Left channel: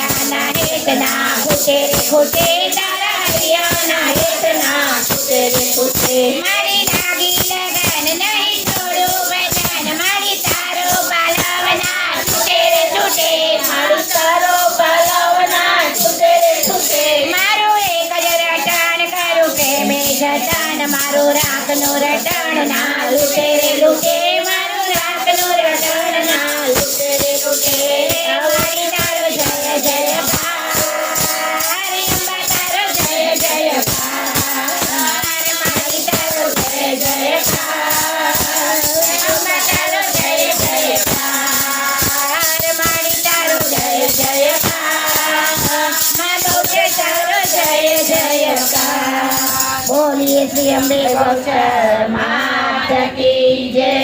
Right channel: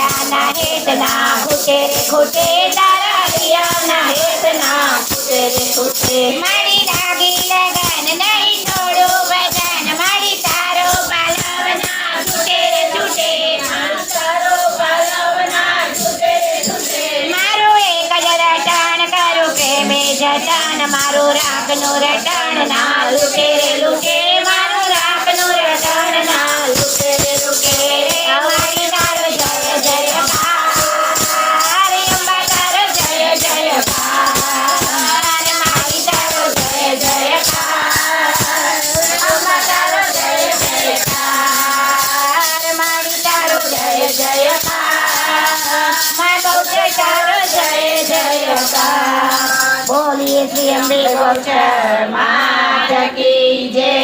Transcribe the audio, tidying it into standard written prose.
દિયાના હેતના ખૂટે રે ખૂટે તારા દિયાના હેતના ખૂટે રે ખૂટે મારી લાગી લગન નહીં થોડું ભજન મારી તારો પાલવના છૂટે રે છૂટે મારું તારો પાલવના છૂટે રે છૂટે મારું એક જ રટણ કરું પ્રેમે જતન મારું રાખનું રટણ ના લૂટે રે લૂટે મારું રાખનું રટણ ના લૂટે રે લૂટે મારી તારો જય જયકાર અંબા તારો જય જયકાર મારી તારો જય જયકાર અંબા તારો જય જયકાર મારી તારો જય જયકાર મા ગૌચર તારો જય જયકાર બોલીએ શ્રી અંબે ગૌચર માત કી જય।